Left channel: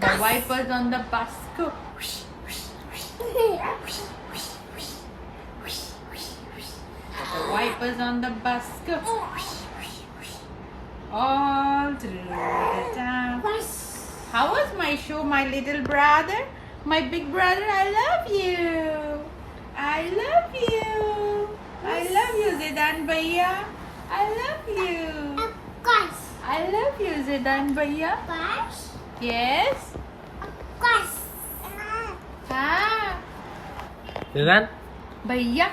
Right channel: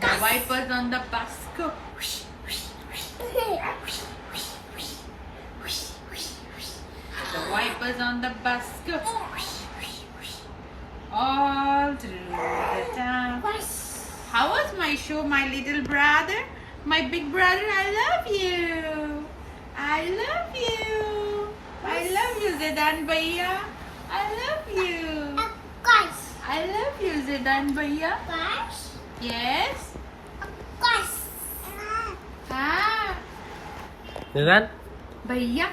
The wipers on the bus go. The wipers on the bus go. All through the town. How was my show, my little brother? My big brother, I love you. I love you. I love you, Zidan Bhaiya. I love you. I love you, Zidan Bhaiya. Yes. हाँ. Zidan, भैया.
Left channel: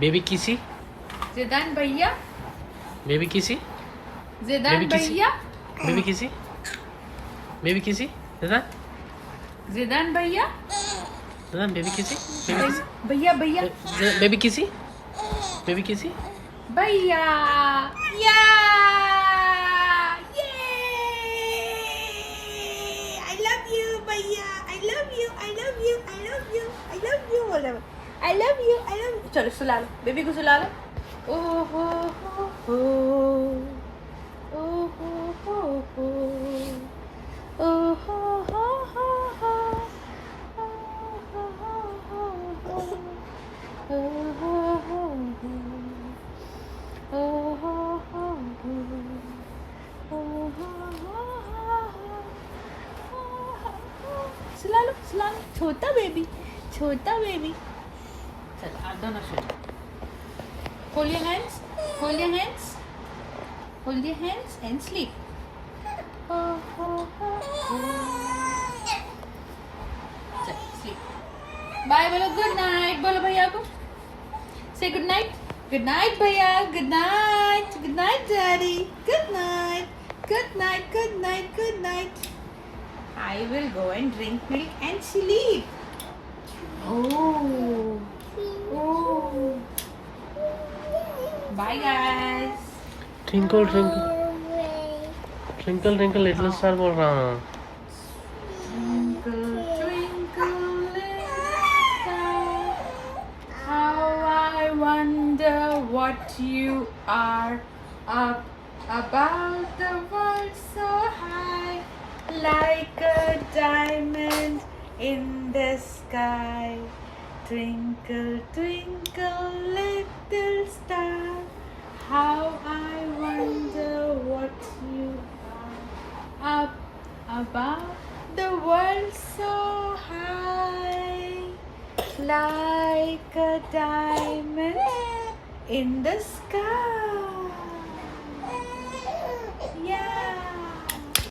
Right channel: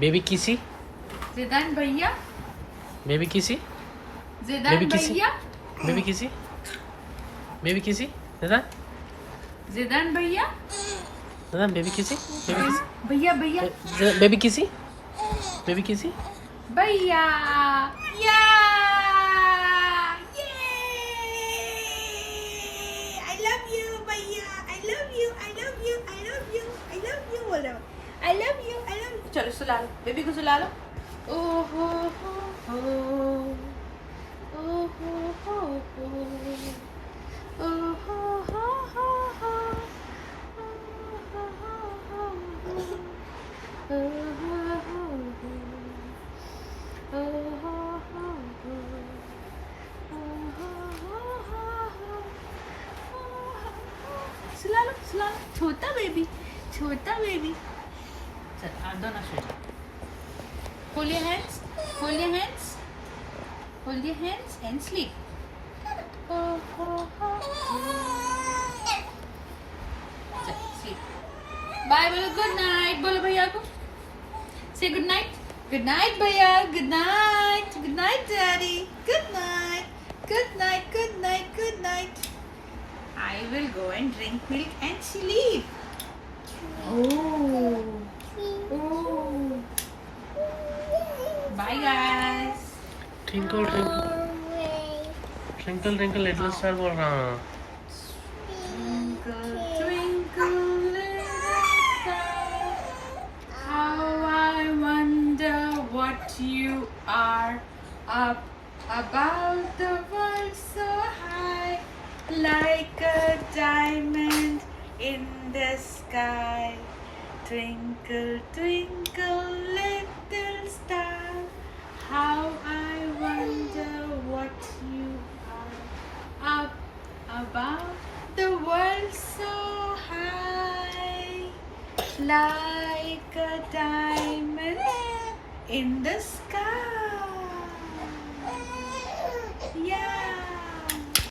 baby kissy, Zidan भैया. baby kissy, Zidan Baby kissy. भैया. baby kissy, baby kissy, Zidan, Zidan भैया. Zidan, baby kissy, baby kissy, भैया भैया. baby kissy, baby kissy. भैया. Yeah. Yay. I love you, भैया. I love you. I love you. I love you. I love you. बोलो. I love you. I love you. चलो सुला लो. Baby को सुला लो. Oh ho ho ho. Oh ho ho ho. Oh ho ho ho ho. सुला लो छोटा baby चल आप दोनों सो जाओ hold your hands and sleep चल sleep बाय बोलो गुड नाइट बोलो भैया को say good night भैया good night daddy good night I will go and drink milk and sleep. Oh. Bye guys. Twinkle, twinkle, twinkle, twinkle, little star बोल रहा हूँ. Twinkle, twinkle, little star, how I wonder what you are up about the world so high, like a diamond in the sky. Twinkle, twinkle, little star, how I wonder what you are up above the world so high, like a diamond in the sky.